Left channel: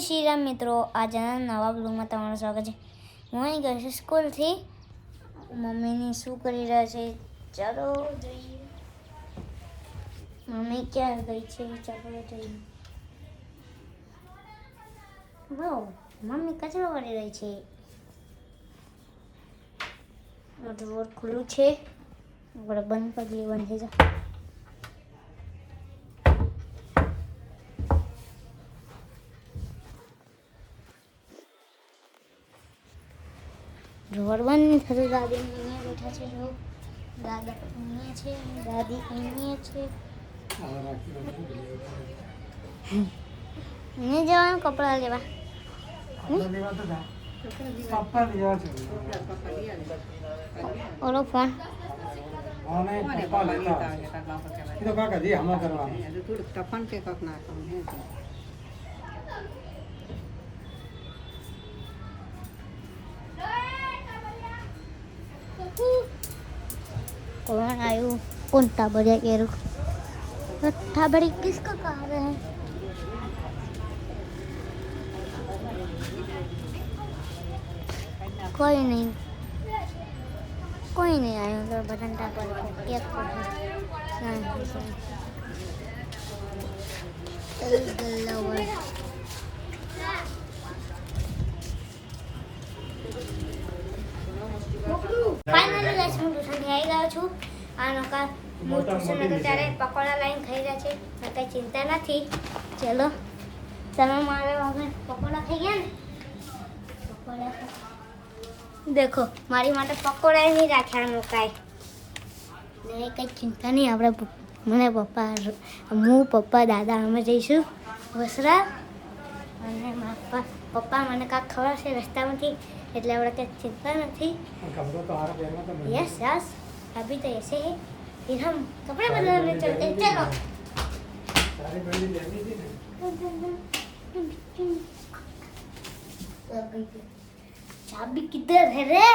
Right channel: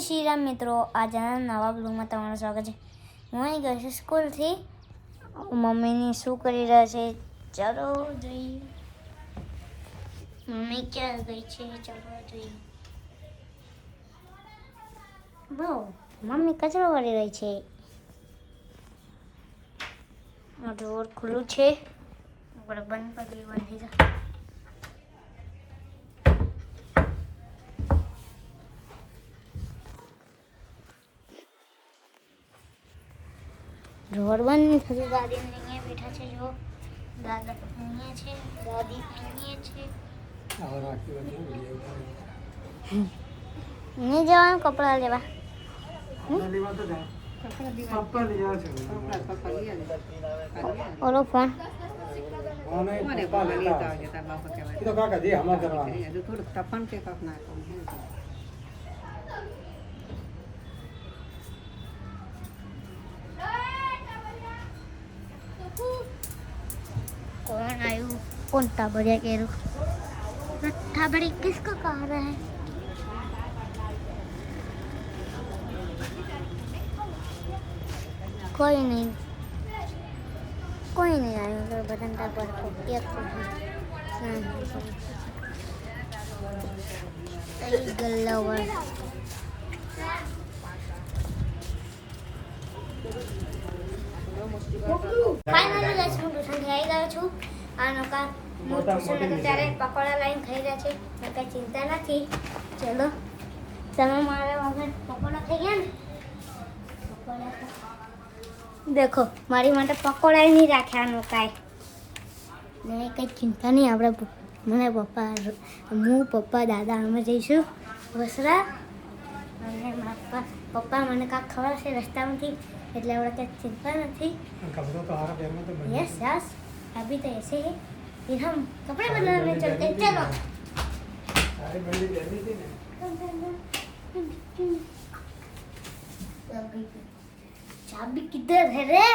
श्री राम मित्रों, आज नवा ब्लॉग में तमाરું स्वागत है। હું અહીં ગઈ છું સ્કૂલથી। મમ્મીની શું કરી રહ્યા છે ચાલો જોઈએ। મમ્મી ક્યાં ગઈ છે ચાલો જોઈએ। વાવ, મમ્મી કચરો વાળી રહી છે। આ ડોર ખુલ્લું છે, આપણે બંધ કરી દઈએ, બંધ થઈ જાય। डोर बंद थी। दादी अहीं बैठा है, जो दादा अहीं है, दादी अहीं है। नहीं जवान कपड़ा लेवा ओलो फोन कौन आयु उल्टा बजा के रुठा बड़ी किसका कार है। कोई नहीं आयो तो बटन पर एक फाइनली गाइस હું ટ્યુશનથી આવી ગયો છું। આનો કાર હું ટ્યુશન હતો ત્યારે પકોડા લાઈન ખાઈ રહ્યા છે, કંઈ ચિંતા નથી। ચલો તમે મારે વગર પકોડા ખાઈ ગયા ને, પકોડા देखो मारी माटे पकोड़ा नहीं राख्या नो काई ने कई चिंता नहीं। आपणे मने पप्पा मु पप्पा दादा अमे जईशुं वसरा अने मारा पप्पा मने का खवड़ावशे रस्तामांथी એટલે આપણે કઈ चिंता नहीं। यस यस अभी तो ऐसे है, फिर हम कपड़े बदलने चलते हैं। चलो चाबी किधर है रे?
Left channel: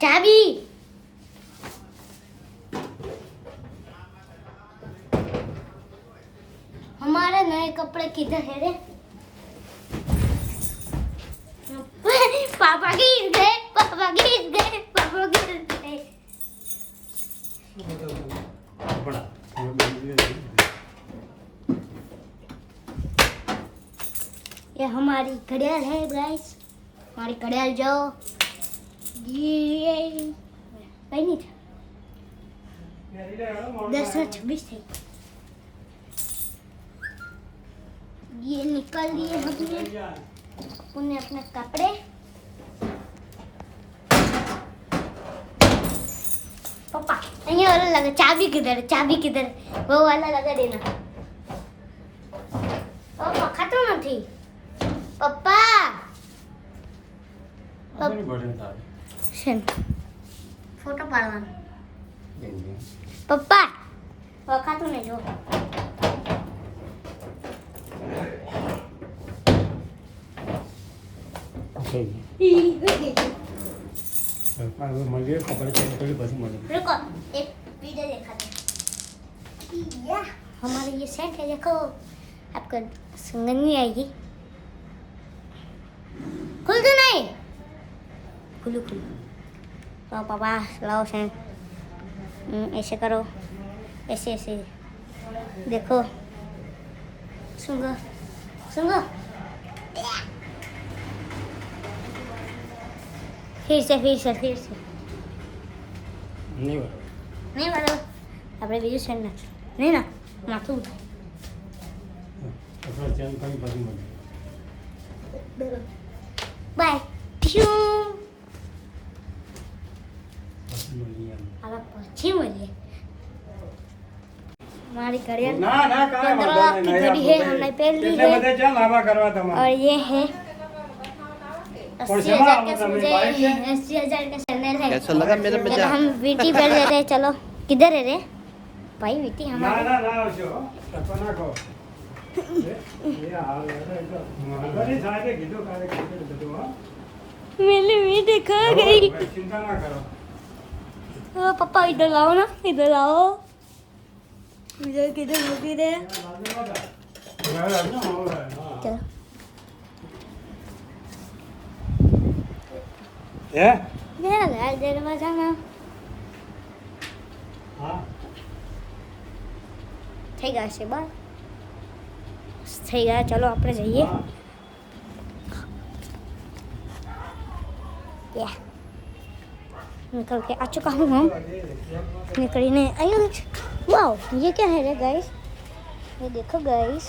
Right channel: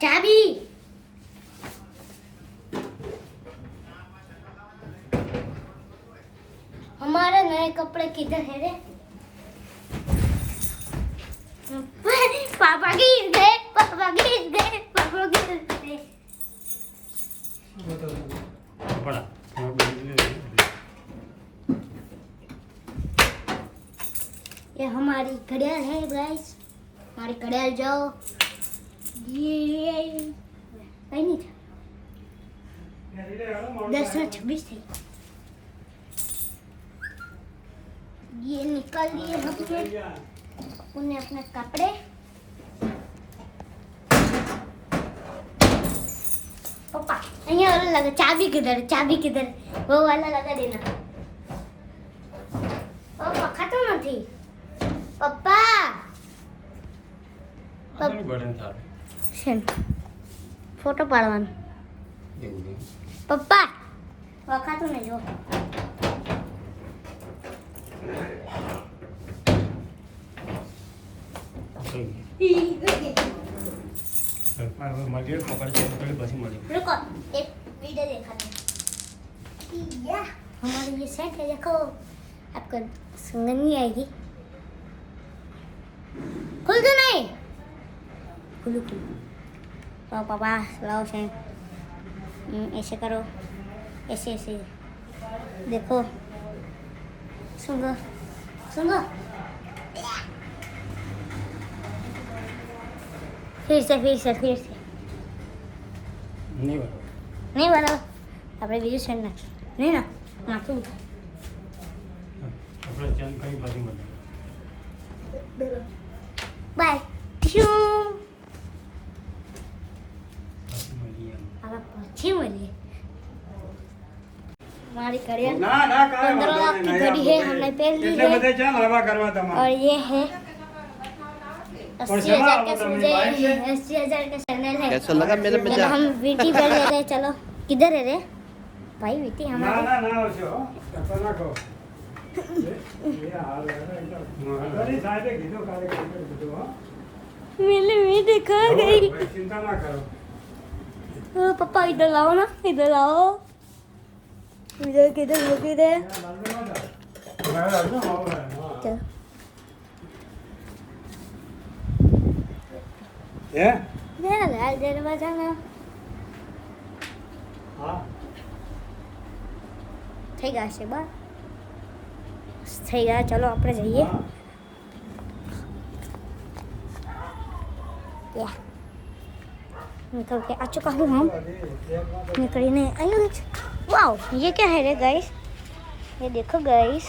चाबी हमारे नए कपड़े किधर है रे? पापा गिर गए, पापा गिर गए, पापा गिर गए। ये हमारी घड़ियाल है गाइस, हमारी घड़ियाल जाओ। ये कहीं नहीं था, 10:26 थे। ये निकाल दिए हमने उन्हें अपने कपड़े। पापा ये वाला लगा, चाबी किधर है? चाबी किधर है? वो वाला लगा देना। पापा खत्म नहीं पप्पा फोटो पाड़वान पप्पा वखातु ने जो रुको एक वीडियो देखा था। हमारी ये सेट है, देखो आपको सुंगन नहीं आएगी। खुल तो नहीं, खुलू खुलू। तो पापा लाओ से ऐसे करो, ऐसे ऐसे देखो, सुंगो सुंगो। फिर से नहीं बराबर આપણે બીજું સેન્ડ નાખ નહીં ના માથું બાય શું આલા પછી મળીએ। हमारी घड़ियाल 15 लाख की घड़ी है, हमने पहन ली है। और ये है 80,000 का सूज है, 80,000 का सैंडल है। कैसा लगा मेरा मजा? हम वीटी पहन लेते हैं। चलो किधर है रे भाई वीटी हमारी? मेरी वीटी खा गई। पापा इधर लाओ ना, इधर लाओ। इधर किधर होगी रे? ચાલો લાલ દરવાજામાં થઈ ગયા છે બસ થઈ ગયા ચલો આપણે જઈએ निकल के आ चुका हूँ हम निकलने वाओ ये क्या है रे गाइस ये देखो गाइस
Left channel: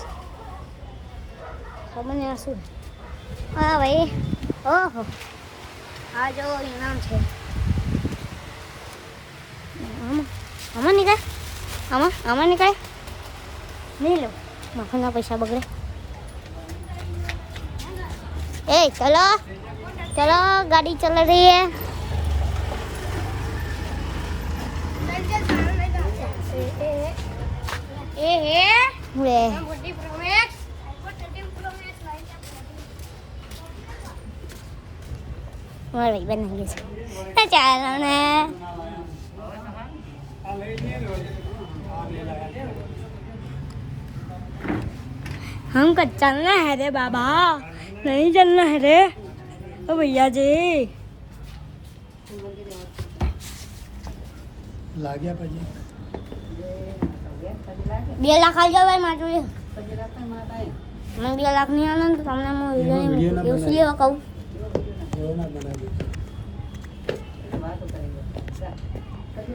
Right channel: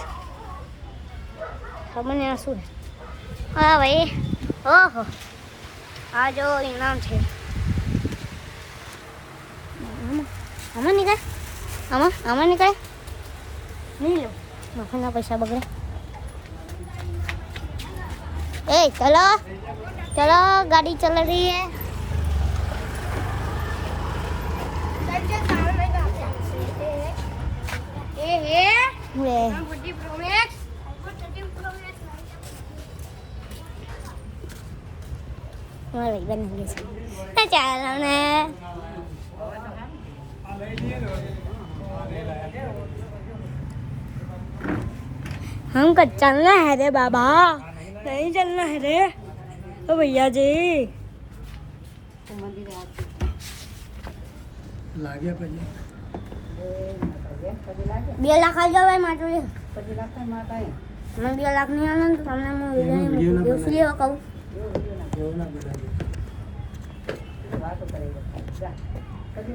खबर नहीं आंसू हाँ भाई ओहो आ जो इनाम थे आमा निकाल आमा निकाल नहीं लो मखना पैसा बगड़े ए चलो चलो गाड़ी चल रही है भाई बन गए चाल ने हमको चलना है रे बाबा नहीं चलना है रे ओ भैया जी लाग्या પછી 2 લાખ આવી જાવ ભાઈ મારું 2 લાખ તો માર ભાઈ મને 2 લાખ નહીં આલે તો તમને હું વિડિયો એવું શું લેવા કહું बात करेगा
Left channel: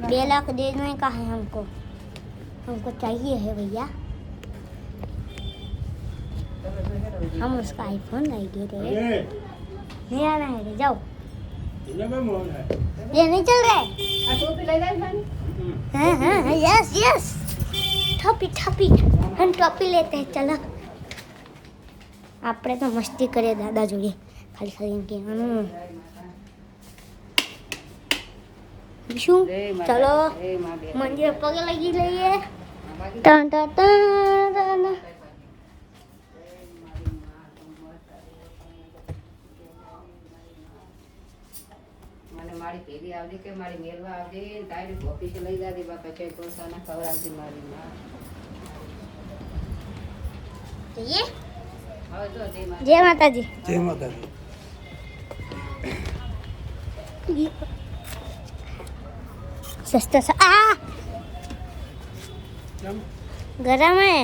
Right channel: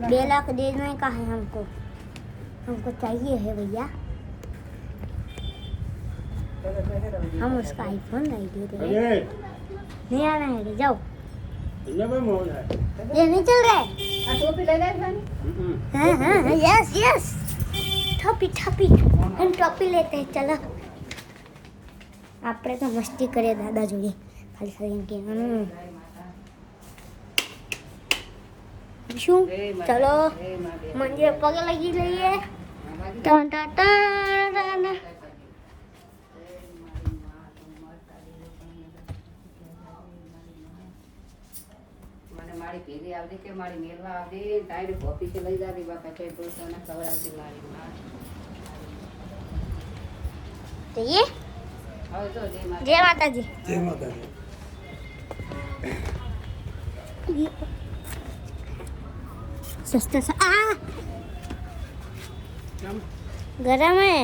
2 लाख देने का है हमको चाहिए है भैया हम उसका आईफोन नहीं दे रहे नहीं आना है जाओ ये नहीं चल रहा है टोपी लगा हाँ हाँ यस यस टोपी टोपी हम टोपी लेते हैं चलो આપણે તો મસ્તી કરીએ દાદા જોડે ખાલી ખાલી કહેવાનું શું ચલો મંદિર પગે લગી લઈએ ટન ટન ટન મને મારી પેલી આવડી કે મારી મેરવા આવડી ટાઈમ કોપી કે લઈ જાદી બાપા ચાઈ તો સાના ખવડાવતી મારી જઈએ જય માતાજી જય માતાજી सस्ता सा आ गरम है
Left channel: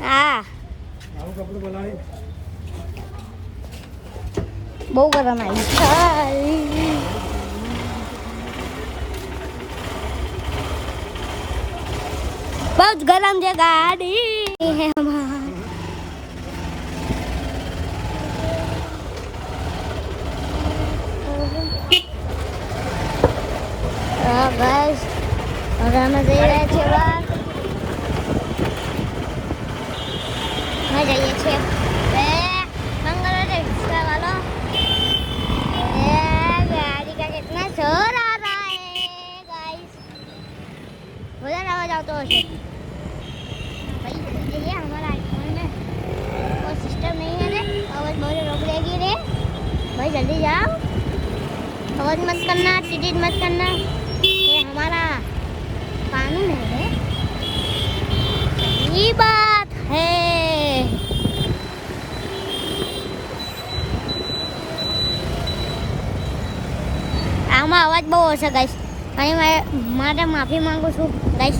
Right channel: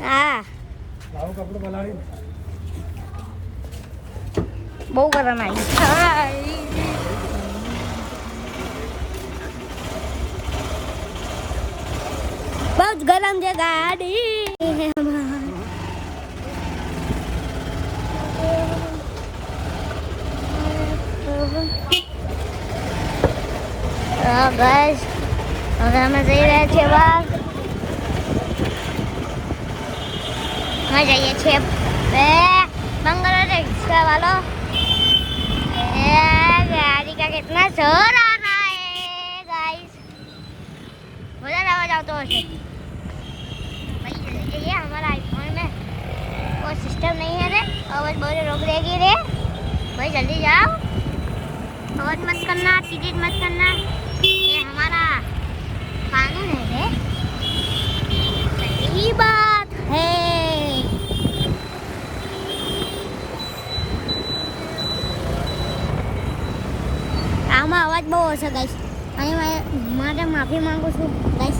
हाँ कपड़े बनाए बहुत गरम आई बहुत गरम जगह गाड़ी है हमारा गाइस હવે અમે જઈ રહ્યા છીએ બહાર અમે જઈએ છીએ બે मंगल रिक्शा वालों गाड़ी का कितना शोर आ रहा है गाइस उधर आवाज आता है भाई जल्दी जल्दी हमारा आईफोन में कोई सिस्टम नहीं है रे आवाज बहुत रोक देगी रे भाई जल्दी जाओ आवाज मत करना टिकट मत करना ये हमारा कानून है ये बात है આમાં અવાજ બહુ હશે ગાઈસ અને મારે માફી માંગુ છું ગાઈસ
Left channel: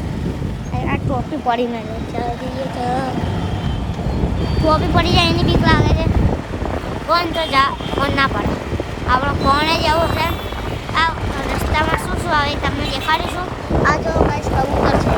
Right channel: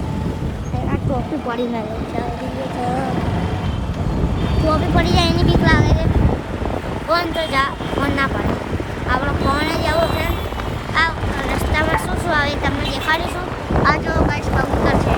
આ ટોપી પડી મેં ટોપી પડી જાય એની બીક લાગે છે ફોન તો ફોન ના પડે આપણો ફોન જ એવો છે આ રસ્તામાં શું શું આવે તમને દેખાડીશું આ જો ગાઈસ કબૂતર છે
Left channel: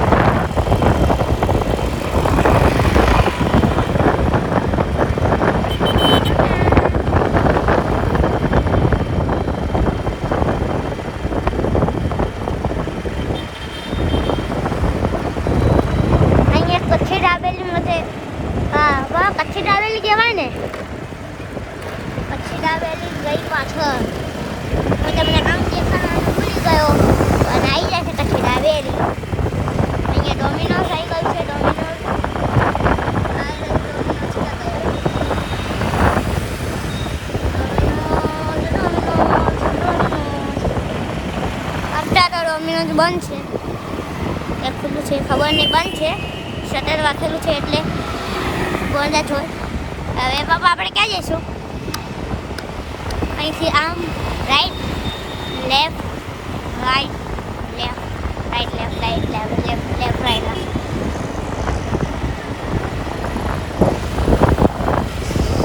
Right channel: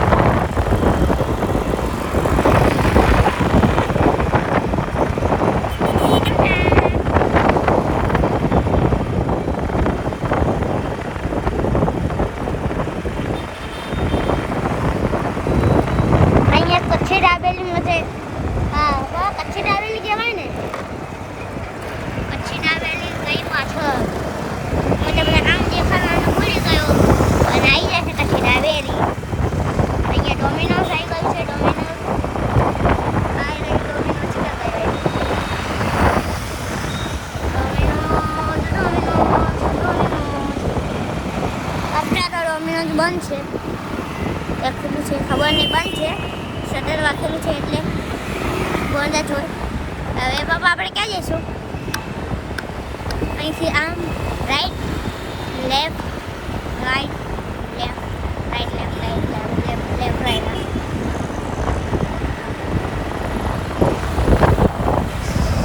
બંધ છે એ ખુલ્લું છે ખબર નહીં બંધ છે શટર રાખેલું છે એટલે બંધ જ હોય હવે પપ્પા આપણે ક્યાં જઈશું? અહીંથી આમ right left right left right left right left left left right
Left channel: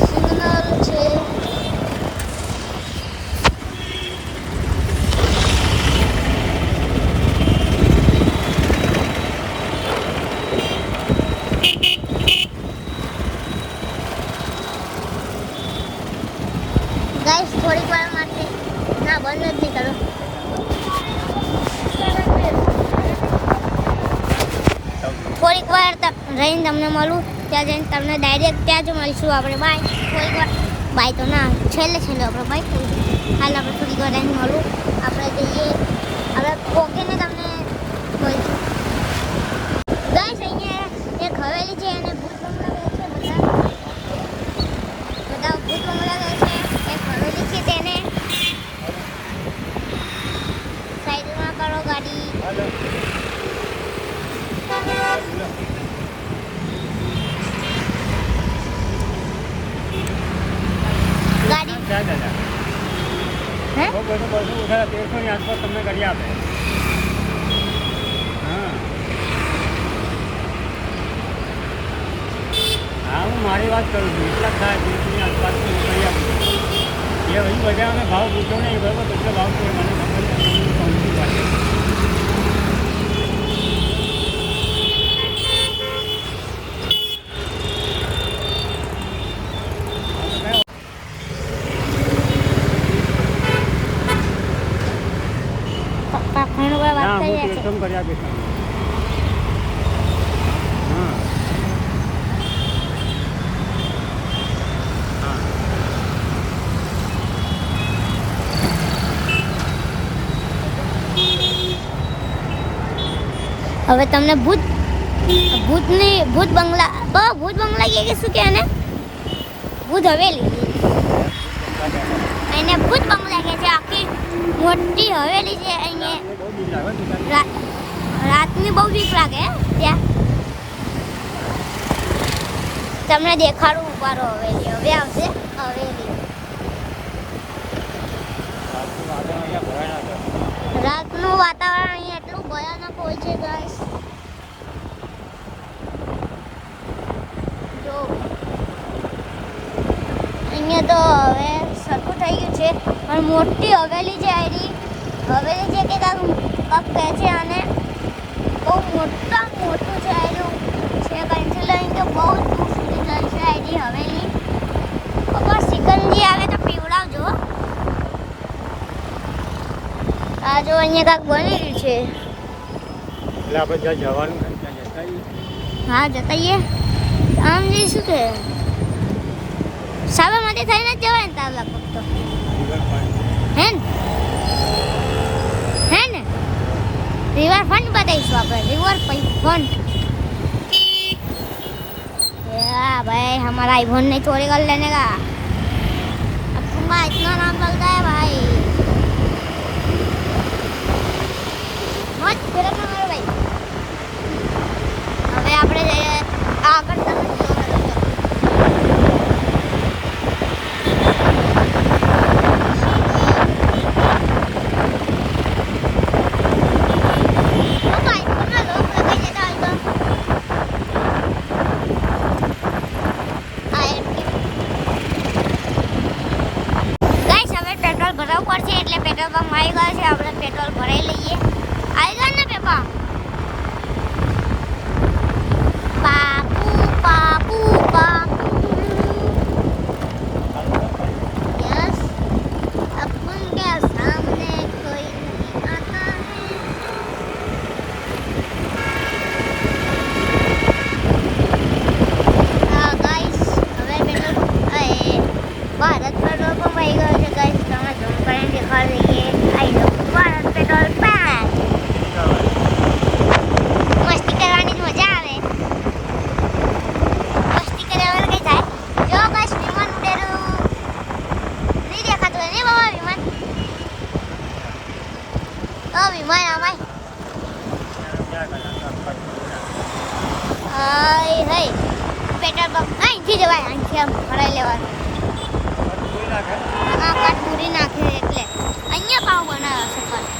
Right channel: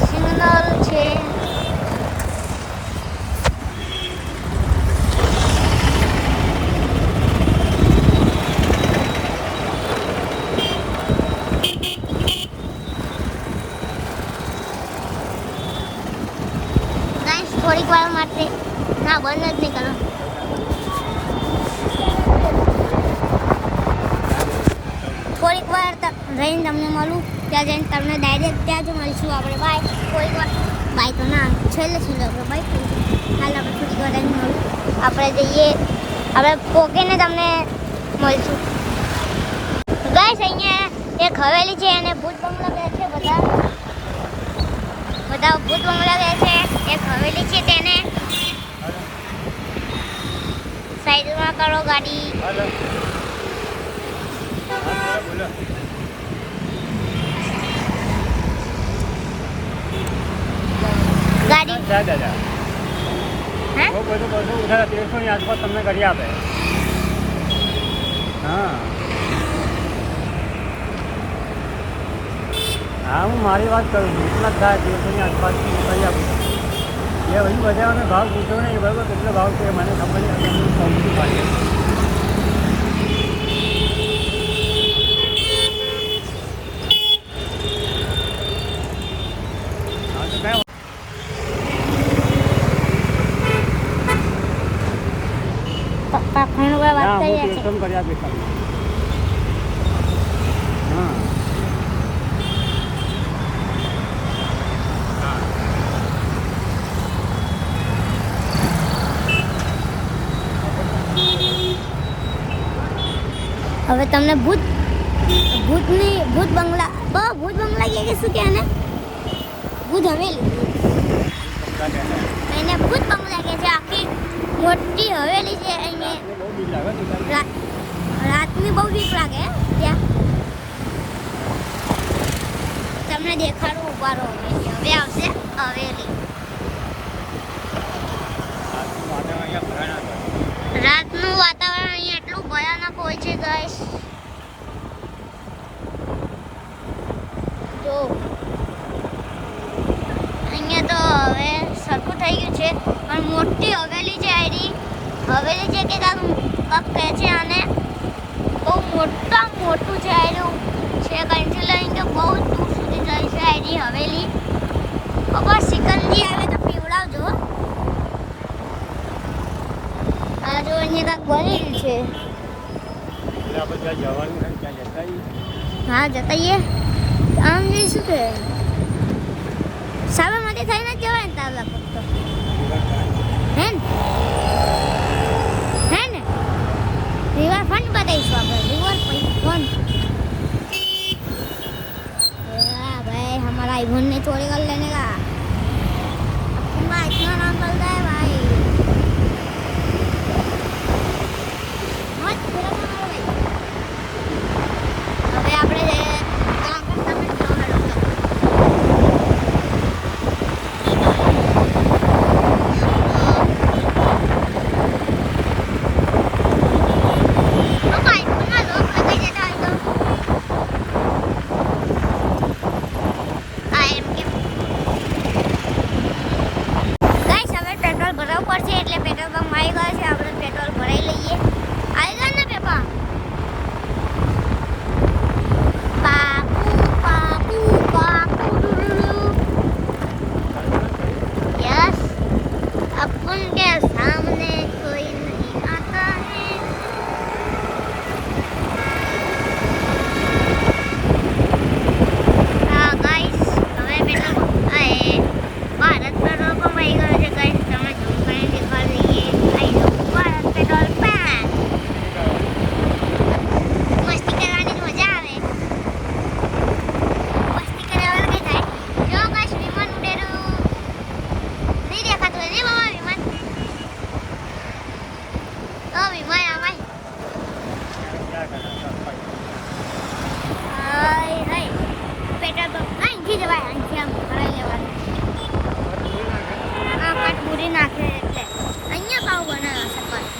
signal છે. ગાઈસ થોડીક વાર માટે ના બંધ જ નહીં કરો. થોડીક વાર રહીને તમને મળું. ત્યાં જઈને તમને ડાયરેક્ટ ત્યાં જ મળીશું આપણે. બાય. થોડીક વાર બાય તો ના છેલ્લે આપણે બાય કરીશું. હાલ આપણે થોડીક વાર રહીને મળું. આપણે જઈએ આપણે પોકેને તમને મળીશું. ગાઈસ અહીંયા એક હવેલી છે અને ભૂત બંગલા બેસે બધા ભૂત બંગલા બેસે. એક હવેલી છે તેને સાઈડમાં કરો ગાડી. ગાડી દાદા હે બહુ બધું ઉઠાડા 1300 ની આસપાસ તમને કરી આપે. હા હા હું મારી વાત કરું છું. એટલા જ થાય 1300 ની આસપાસ હું કરી આપું. એ ભાઈ બજારને ભાવ પૂછો નહીં બરાબર કેટલો ભાવ છે મને ખબર નહીં. હું કહું છું પાછી હા તો કયો પપ્પા ફોન પર વાત ના કરી હું રહ્યા છે. 1300 કરી આપીશ તમને. હા હવે તમને ભૂત બંગલા ભૂત બંગલા કે શું કે એને ભૂત હવેલી એને ભૂત બંગલા કે છે. આખી મોટી હવેલી છે. અહીંયા બહુ બીક લાગે છે. રાતની બહુ બીક લાગે ત્યાં. તમને દેખાડું ઉભારો હવેલી હવે આવશે હવેલી. રાતનું વાતાવરણ અહીંયા એટલું ભયાનક હોય છે ગાઈસ. જો અહીંયા તો હવે સરખું થઈ ગયું છે પણ મોટી હવેલી છે. આઈડી હવેલી છે કે કાંક કહે છે અને બહુ મોટું છે. આઈડી છે કંઈથી લઈને તો બહુ દૂર સુધી જાય છે આઈડી હવેલી. ખબર સિકંજી આવે તો પીવડાવજો. આ જો અહીંયા કાંક બની રહ્યું છે. એટલે આપણે જ્યાં જવાનું હોય ત્યાં જતા રહીએ. હા જતાઈએ આમ જઈશું કે સાબરમતી થઈને જ જવાય ને તાર લગભગ તો હે ને રિવરફ્રન્ટ બતાવીશું આપણે. રિવરફ્रंट हाँ भाई हमारा आईफोन नहीं चोरी कर लेने का. अब तुम्हारा इतना नाम चलता है भाई. मत फिर मारो भाई. હવે આપણે આગળ ભરાવવું પડશે એટલે પેટ્રોલ પંપ આવી ગયો છે. આપણે પેટ્રોલ ભરાઈ લઈએ. આવી ગયો ને પેપા ઉતરી જવાય અહીંથી આમ ભરાઈ લેવાનું હા કાટપુરી નાખ્યો એટલે અહીંયા પાવ બનાવ્યો છે પણ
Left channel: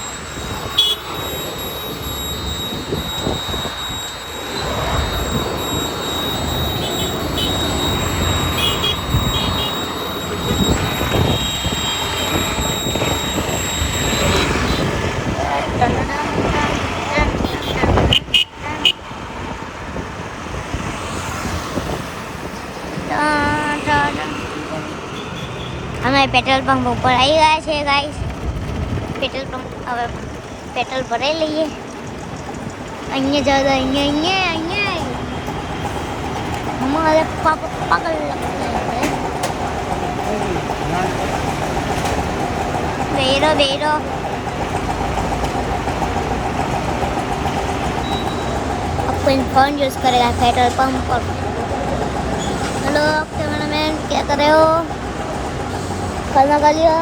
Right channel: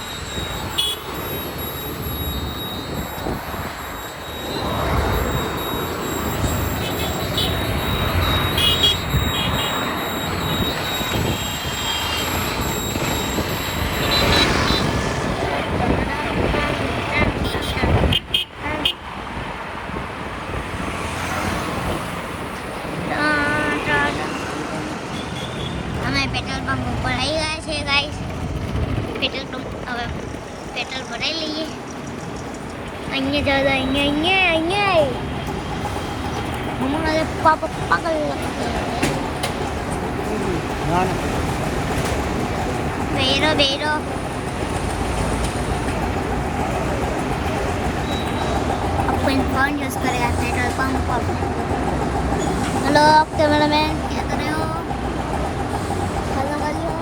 અમે પેટ્રોલ પંપ ઉપર આવી ગયા છે ગાઈસ પેટ્રોલ પંપ હવે પેટ્રોલ ભરાઈ લઈએ અહીંયા જાઓ અહીંયા हमारे पापा पागल लगते हैं बेरो अपन फोन यूज करेगा पेट्रोल पंप पर हेलो कैमरामैन क्या कर रहे हो खाना खा लिया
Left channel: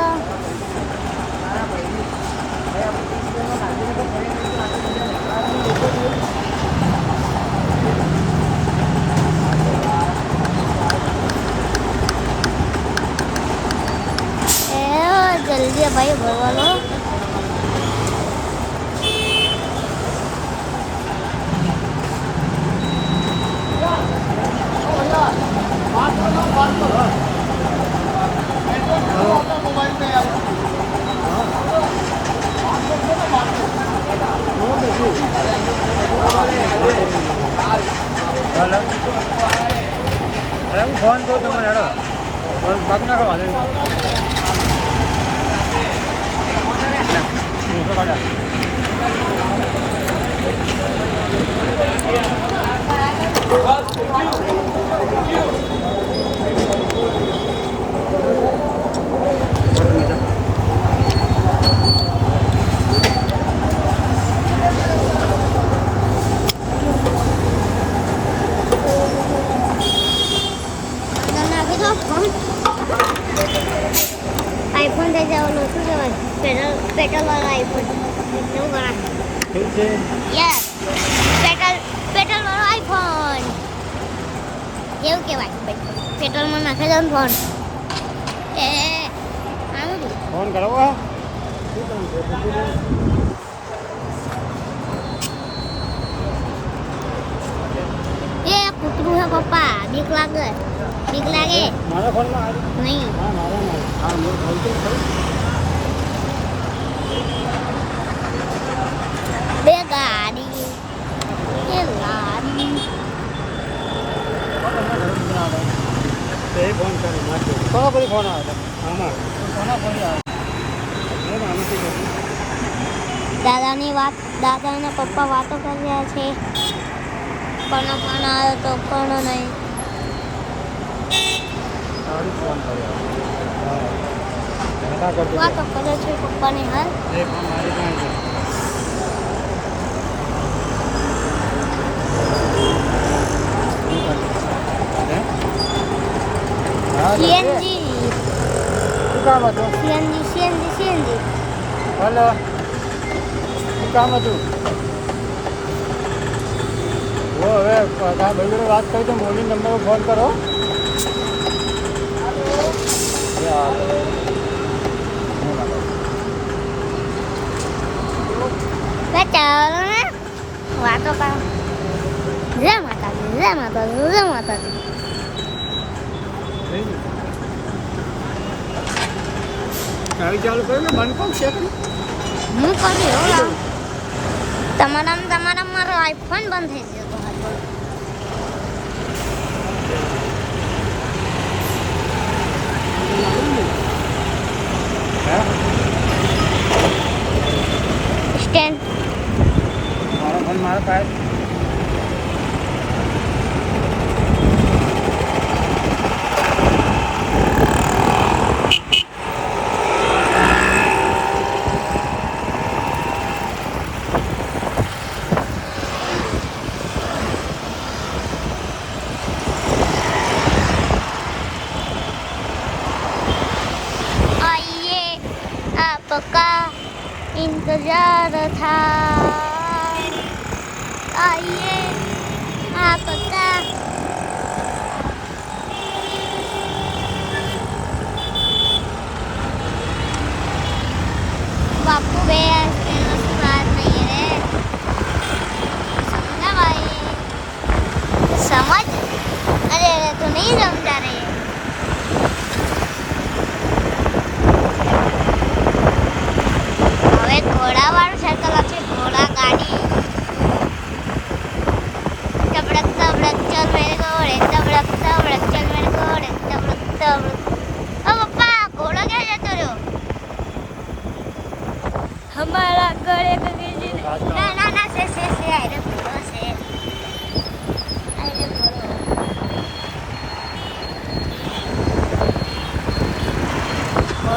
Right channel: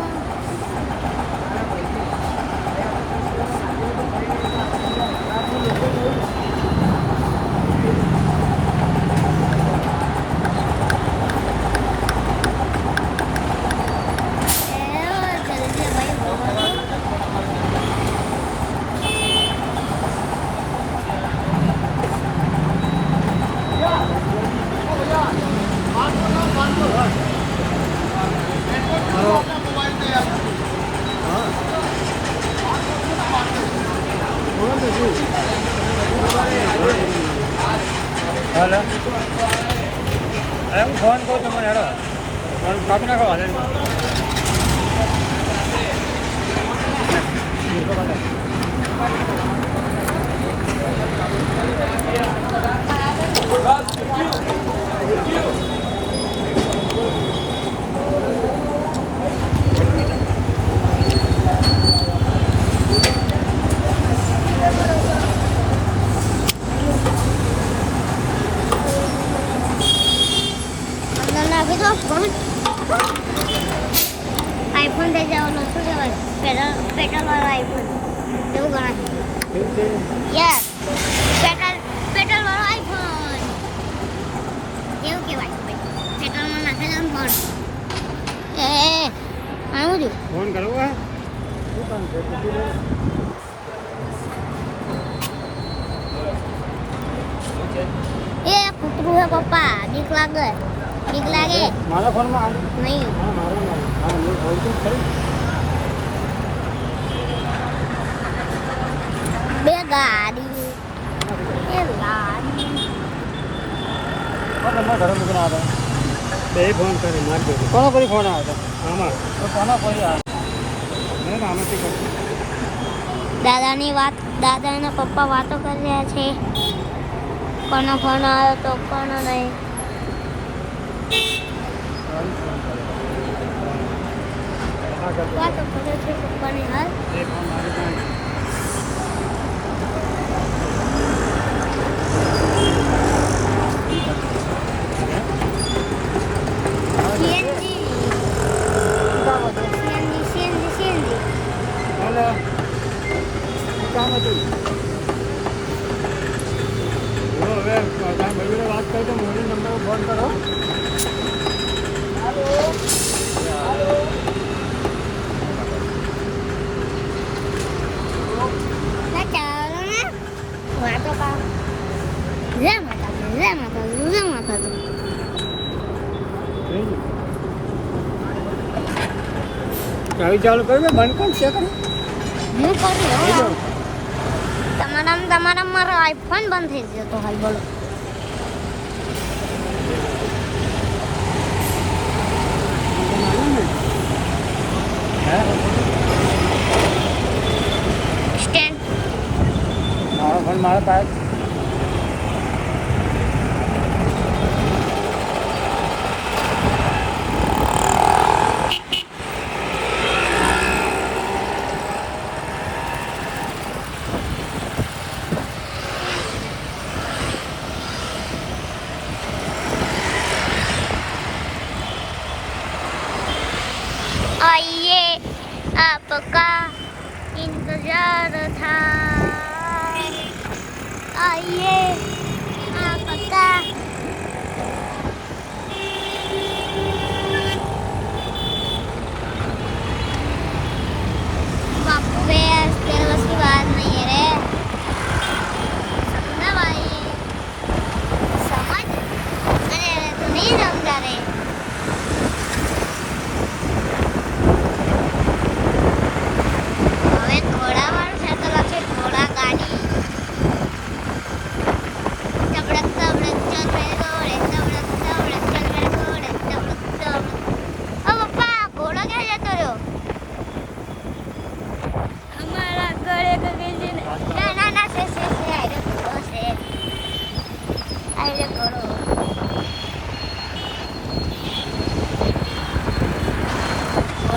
जल्दी भाई भरवा लो हेलो अरे હું ફોન કરું તમને હેડો ફોન કાપી નાખો હાલે आईफोन दे जाओ लो तो जरा पेट्रोल वाला आईफोन क्यों बना यस पेट्रोल वाला आईफोन ये के भाई पेट्रोल में नाखे जाओ फोन ए आनु जो ફોન કરો આ શું કામ છે પછી ये कुतरू है पापा बीक लागे મારા ફોનમાં આવી नहीं હા મારા હા હું આવતું ખરી બે ગાડી એ લાડી કોણ તમારા ઘરે મૂકીને આવ્યા બે ફોન કરી કોણ કરી ફોન આવ્યો તો કોના ફોન દાદાની પપ્પા વાતો કરી રહ્યા છે કોનો ફોન આવ્યો તો કોનો નહીં ફોન કર્યો વાતો કરે છે પપ્પાની હાલ CNG हेलो काम હતું वो હવે કાંઈ ભાઈ જોડે વાત કરું તો બોલીને તમને ફોન કરો ચાલો ને વાતો કરે જય માતાજી ચાવી ચાલુ કર્યું બંધ કોણ છે તમે હું કર્યું તમારા મારો આઈફોન બંધ થઈ જતો હાલ બોલો સ્ટેન્ડ મારો ફોન મારા પાસે आइए आपका इंतजार था आइए आपका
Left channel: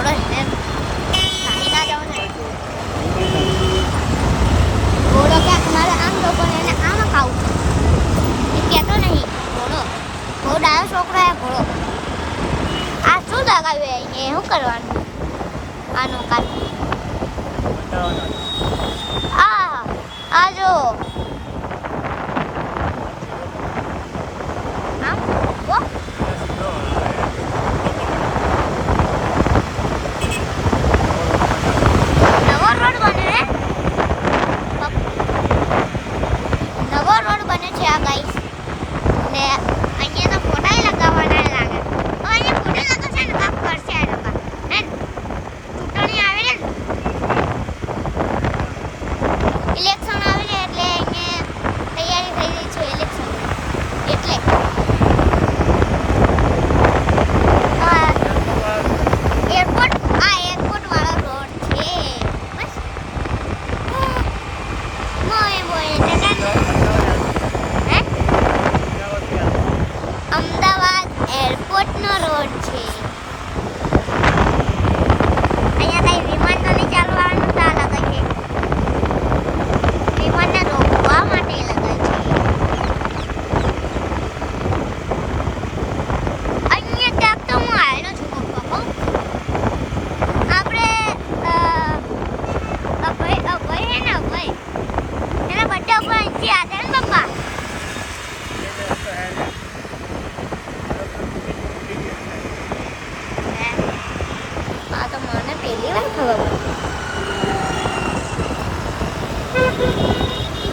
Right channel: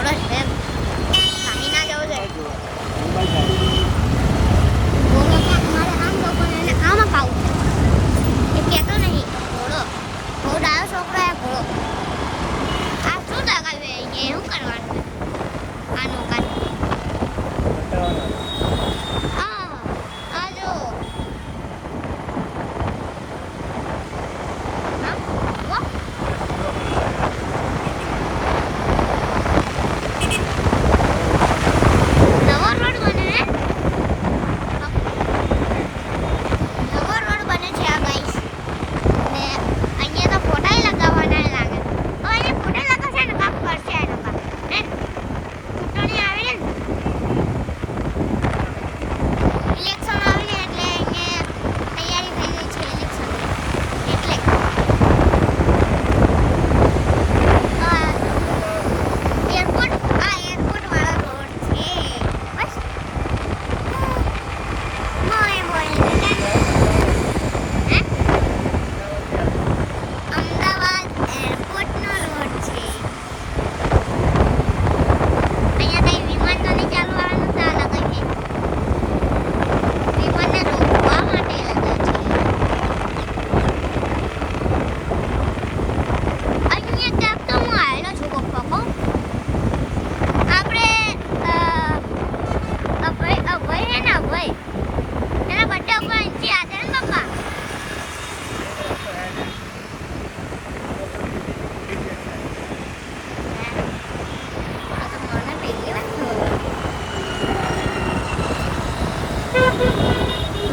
ઘોડો છે નાહી ના જવું છે ઘોડો ક્યાંક મારે આમ જવું પડે અને આમાં ખાવું એ કહેતો નહીં ઘોડો બહુ ડાયો છોકરો હે ઘોડો આ શું લગાવ્યું અહીંયા શું કરવાનું આનું કાન આ જો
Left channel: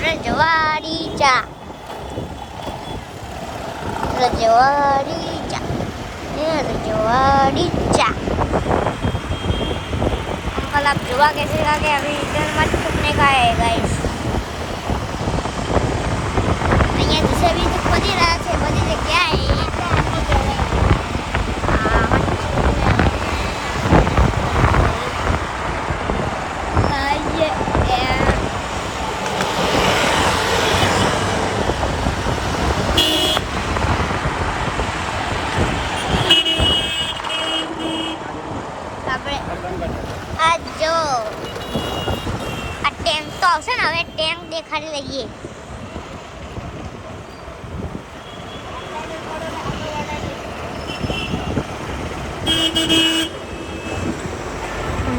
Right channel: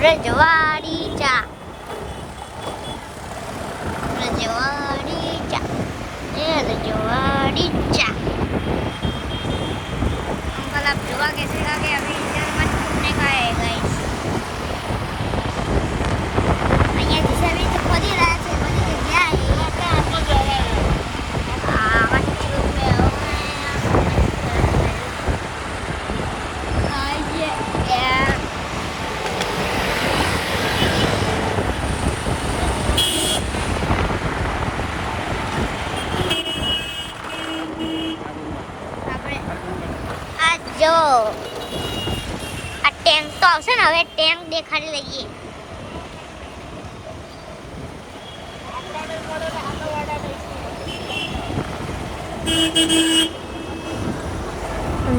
રજવાડી ચા अंकल आप जुआ कैसे खा के अभी रिटर्न मत फूकने का है गाइस અહીંયા જે સર્વિસ ખોલી રહ્યા છે બધી જગ્યાએ જો આ ટેન્ક તો આવશે ને હવે ટેન્ક દેખાડી લઈએ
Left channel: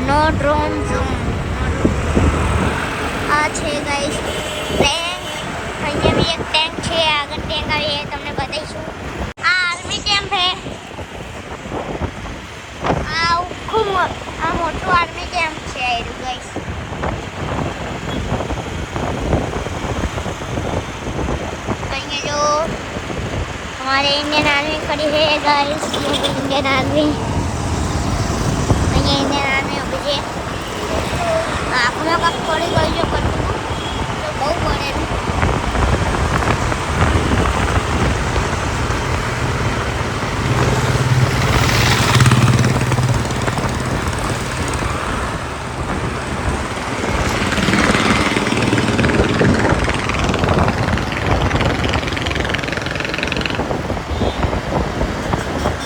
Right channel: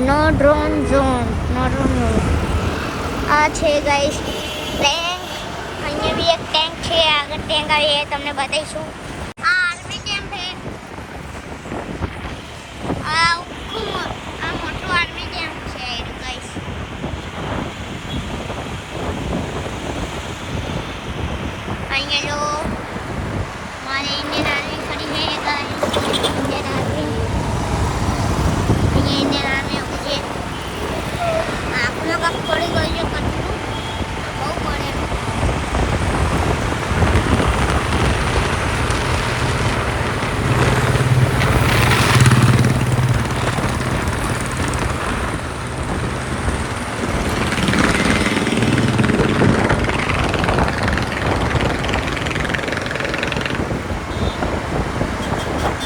નો ડ્રોન ઝોન આ છે ગાઈસ ટેન્ક અહીંયા બી એક ટેન્ક છે આગળ ટેન્ક આવી એ તમને બતાવીશું આ આર્મી કેમ્પ છે આ ખૂબ આ મોટું આર્મી કેમ્પ છે ગાઈસ અહીંયા જો हमारे इंडियन आर्मी खड़ी है गाइस इंडियन आर्मी અહીંયા इंडियन आर्मी उभी છે આપણો કાપ થોડી ગઈ જો કરતું બહુ બળે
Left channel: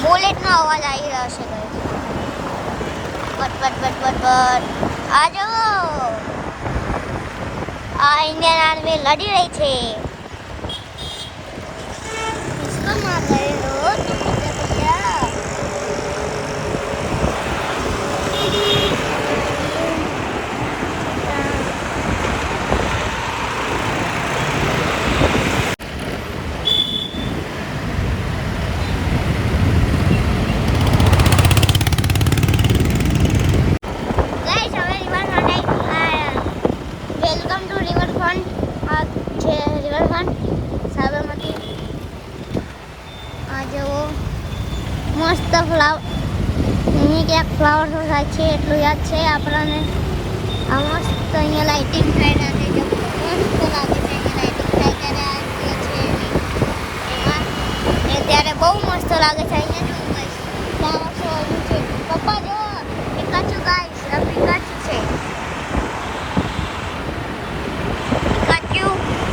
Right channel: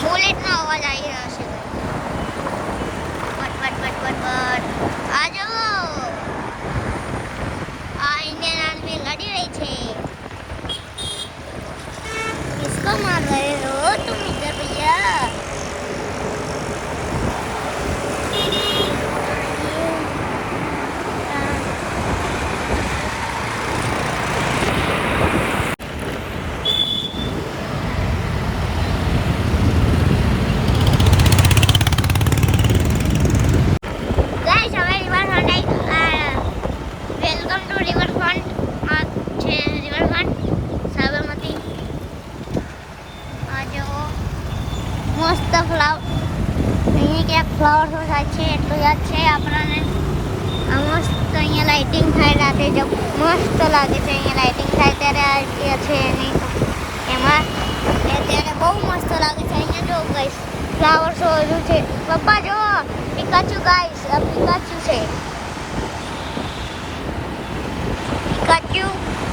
बुलेटનો અવાજ આવી રહ્યો છે બટ આ જો આ इंडियन आर्मी लड़ी रही છે किसको मार रहे લાઇટિંગ થાય રાતે તો મસ્ત લાગે છે અહીંયા લાઇટિંગ થાય ત્યારે આ છે એમાં ત્યારે બહુ મસ્ત લાગે છે અહીંયા જો ગાઈસ ફ્લાવર શો છે પપ્પા જો પિકાચુ ગાઈસ આ પિકાચુ છે પિકાચુ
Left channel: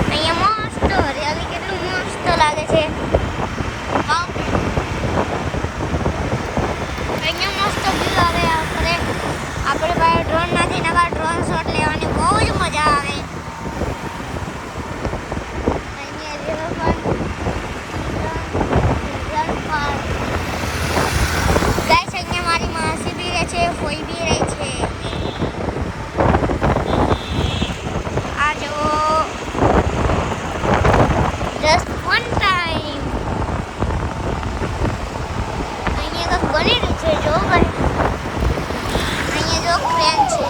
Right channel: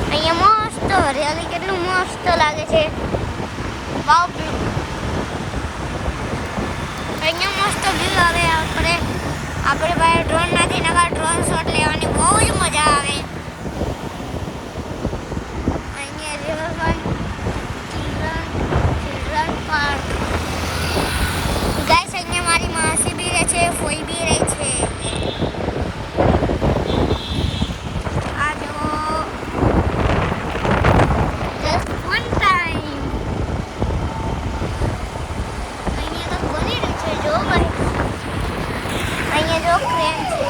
અહીંયા મસ્ત હરિયાળી કેટલું મસ્ત લાગે છે વાવ અહીંયા મસ્ત લાગે આપણે બનેલું છે જો ભાઈ. અહીંયા જો ક્રેન છે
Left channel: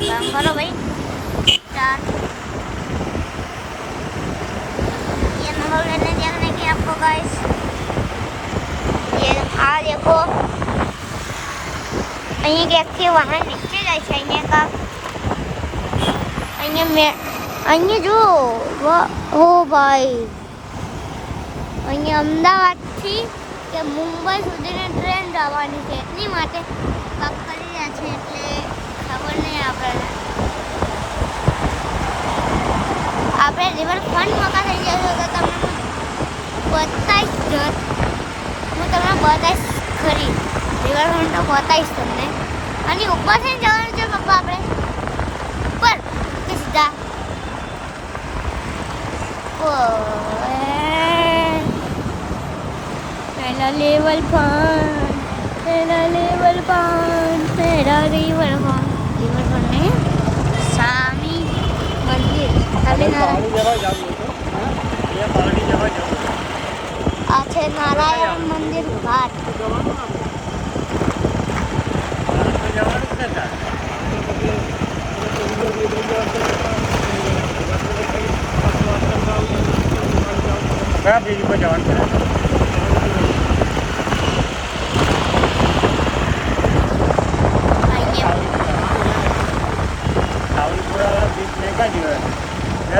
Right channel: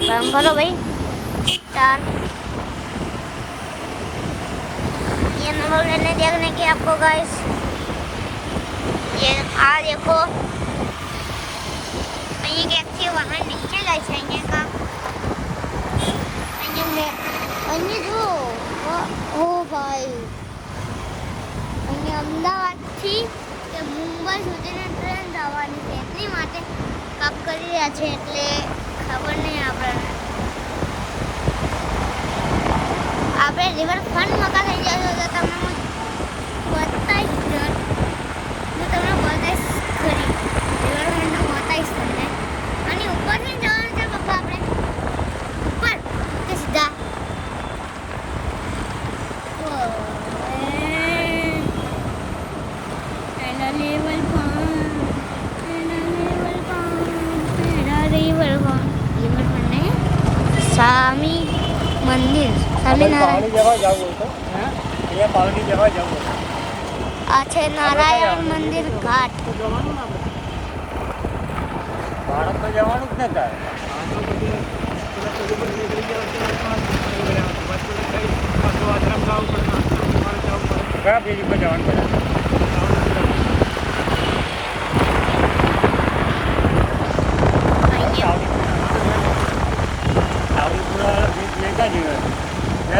काम करो भाई चार. ये नंबर लेने देखने की आपको गाइस ये आ देखो અહીંયા ક્યાંકથી વાહન નીચે જાય છે અહીંયા કા અહીંયા જો ઓ ભાઈ અહીંયા અમદાવાદથી કે મુંબઈ સુધીની ટ્રેન જવાની છે એટલી માટે પાક કરી રહ્યા છે એટલે ખબર નહીં આપણે રિવરફ્રન્ટમાં થઈ જશો તો તમને હું બતાવીશ ખરી રિવરફ્રન્ટ તો બતાવીશ તમને. અને ઉપર છે જવાનું છે પપ્પા આપણે ઉપર કે સીધા પહેલા લેવલ 5 પહેલા રિવરફ્રન્ટ ને સામી મંદિર આ છે નારાયણ મંદિર ઘાટ. કયા પેજ ઉપર જવાનું પડે?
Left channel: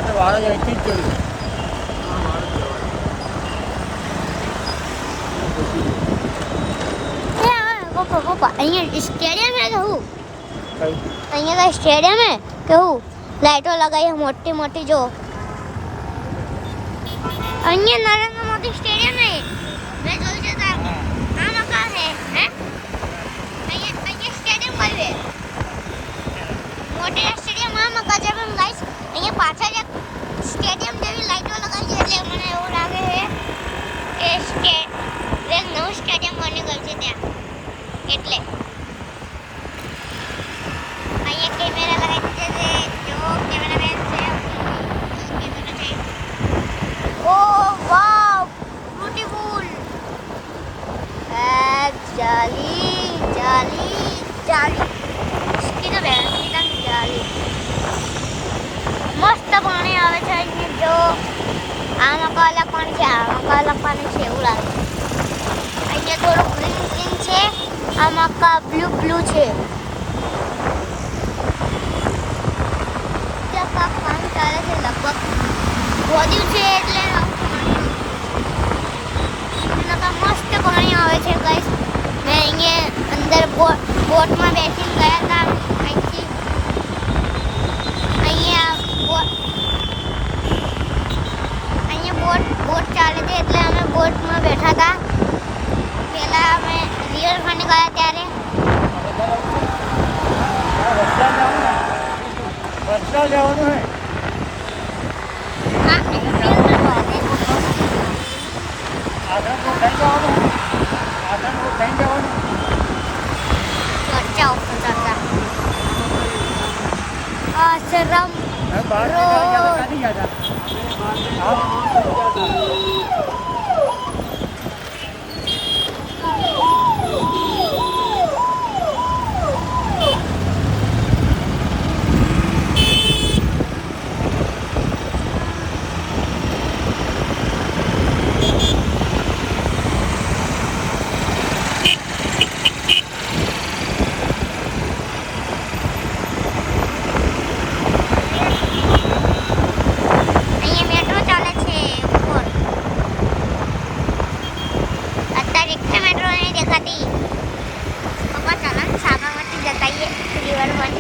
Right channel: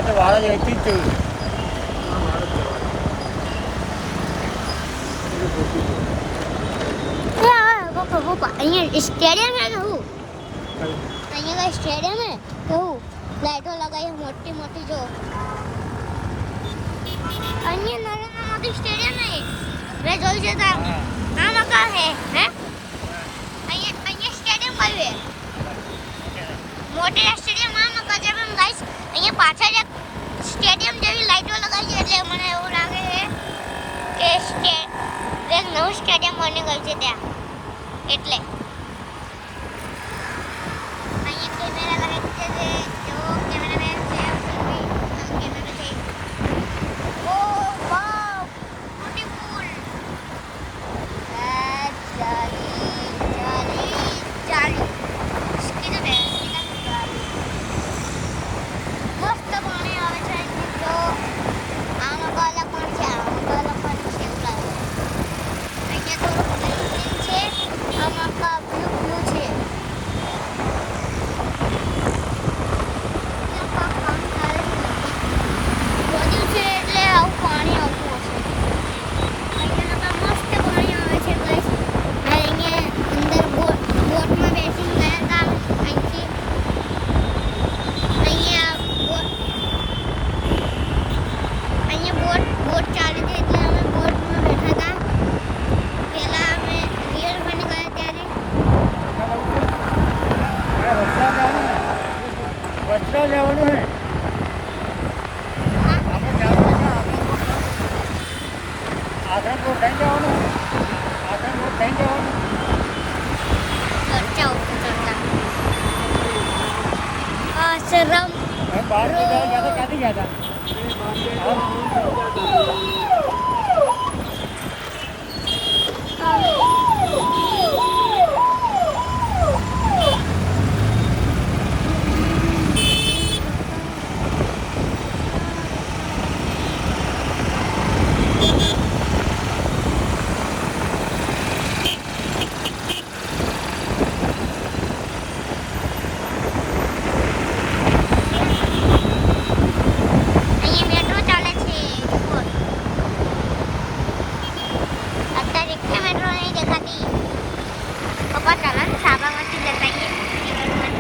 तो बारह जगह चीज चाहिए પપ્પા અહીંયા સ્ટેડિયમ હે કે હું અહીંયા કઈ સ્ટેડિયમ હે કે હું લાઈટો લગાવી મોટી મોટી જો અહીંયા નરેન્દ્ર મોદી સ્ટેડિયમ હે મેં જોયું છે તો આ મકાન હે અહીંયા સ્ટેડિયમ આવ્યું હે મોટી સ્ટેડિયમ આ મકાન છે પણ ગાઈસ અહીંયા પાછળ એક સ્ટેડિયમ જેવી લાઈટો લગાવી છે એટલે મને એવું લાગે છે કે એક નવું સ્ટેડિયમ બની ગયું છે ત્યાં એટલે અહીંયા કેમેરા લગાવી દીધે છે જો કેમેરામેન છે કેમેરા છે. ઓ વાવ બ્યુટીફુલ જાલી જાલી જાલી કીધું બે કીધું જાલી મસ્ત પાણી આવે છે જો આના કાલા પણ છે આના કાલા પાણી છે એવું લાગે. અહીંયા થોડું ગ્રીન ગ્રીન છે આમાં કા બ્લુ બ્લુ છે ત્યાં પાણી ચાલે છે લગભગ વધ્યું છે એટલે આવું પાણી આવે મસ્ત પાણી આવે છે ગાઈસ. મેં અહીંયા અંદર બોટમાં બેસીને ગયા હતા અહીંથી અહીંયા બોટ ચાલે છે એટલે અમે બોટમાં બેઠા હતા. પહેલા અમે રિવરફ્રન્ટ ગયા ત્યારે રસ્તા જવાનું હે આશ્રમપુર થઈ જવાનું ચર્ચા આશ્રમ બહાર નીકળ્યા તો ક્યાંથી ગયા હતા? સાબરમતી જતા રિવરફ્રન્ટ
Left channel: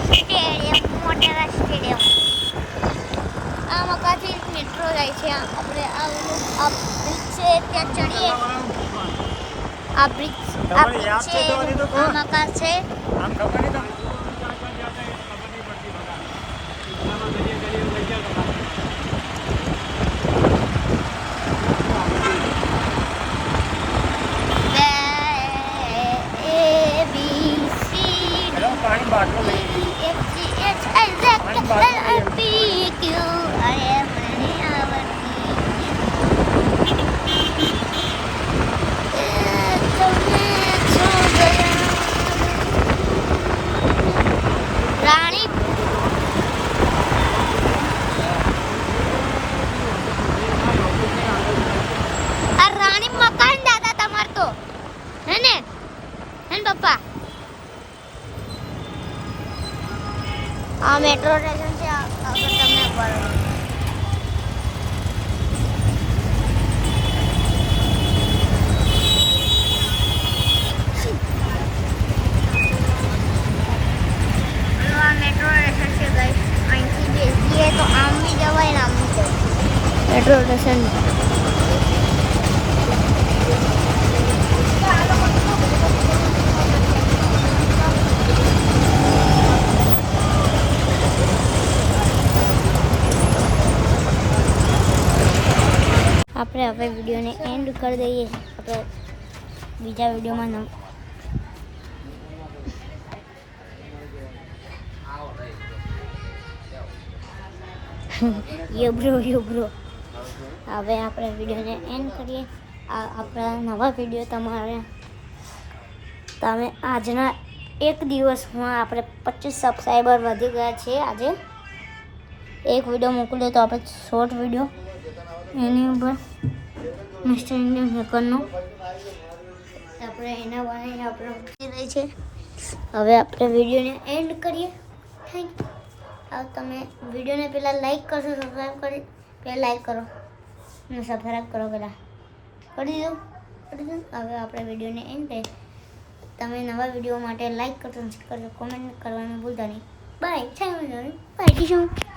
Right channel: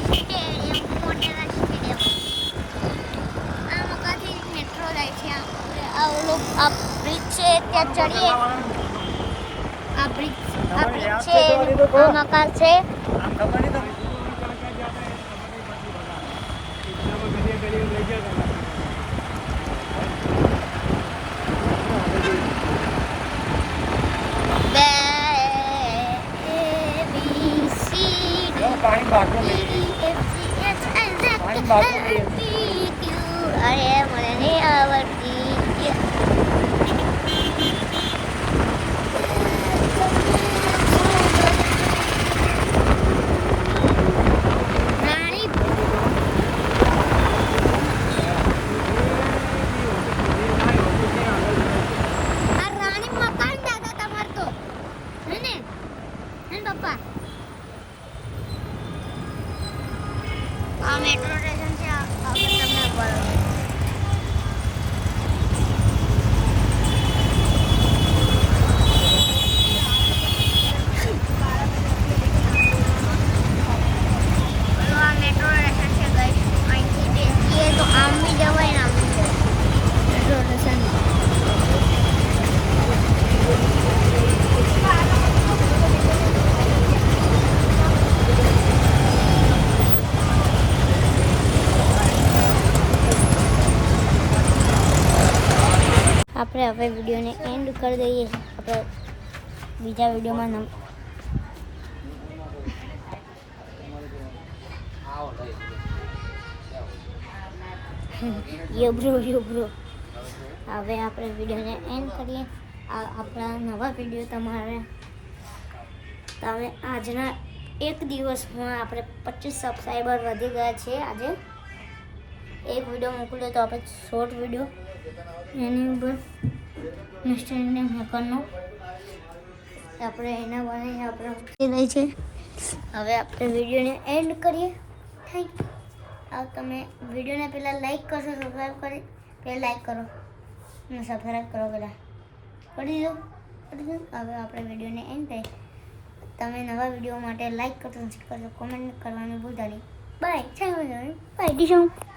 સ્ટેડિયમ મોટેરા સ્ટેડિયમ આ મકાથી મેટ્રો જાય છે. આપણે આ ઓલું આ બ્રિજ છે ત્યાં ચડીએ આ બ્રિજ છે આ મકાન છે. આમ ખબર નહીં તો પાણી બાટલો લઈ અરે મને નહીં આવડતી આપણે વિડીયોને એન્ડ કરી દઈએ. આપણે બીજા વિડીયોમાં યો બ્રો હવે આપણે વિડીયોને એન્ડ કરીએ. આપણા નવા વિડીયો તમે આજના એક દિવસમાં આપણે 25 સબસ્ક્રાઈબર વધી ગયા છે. આજે એક વિડીયો મોકલ્યો તો આપણે શોર્ટ વિડીયો એની ઉપર મિસ્ટર ઇન્ડિયન હેકરનો આપણે એના બનાવીને આપણે મૂકી રહ્યા છીએ. હવે આપણે વિડીયોને એન્ડ કરીએ. Thank you. તમે વિડીયોને પહેલાં લાઈક કરશો, સબસ્ક્રાઈબ કરી પહેલાં લાઈક કરો અને સબસ્ક્રાઈબ કરો પહેલાં કરી દો. હવે આપણે વિડીયોને એન્ડ કરીએ. તમે નવા વિડીયો માટે લાઈક કરજો, કરજો, કોમેન્ટ કરવાનું ભૂલતા નહીં. બાય. Thank you. બાય.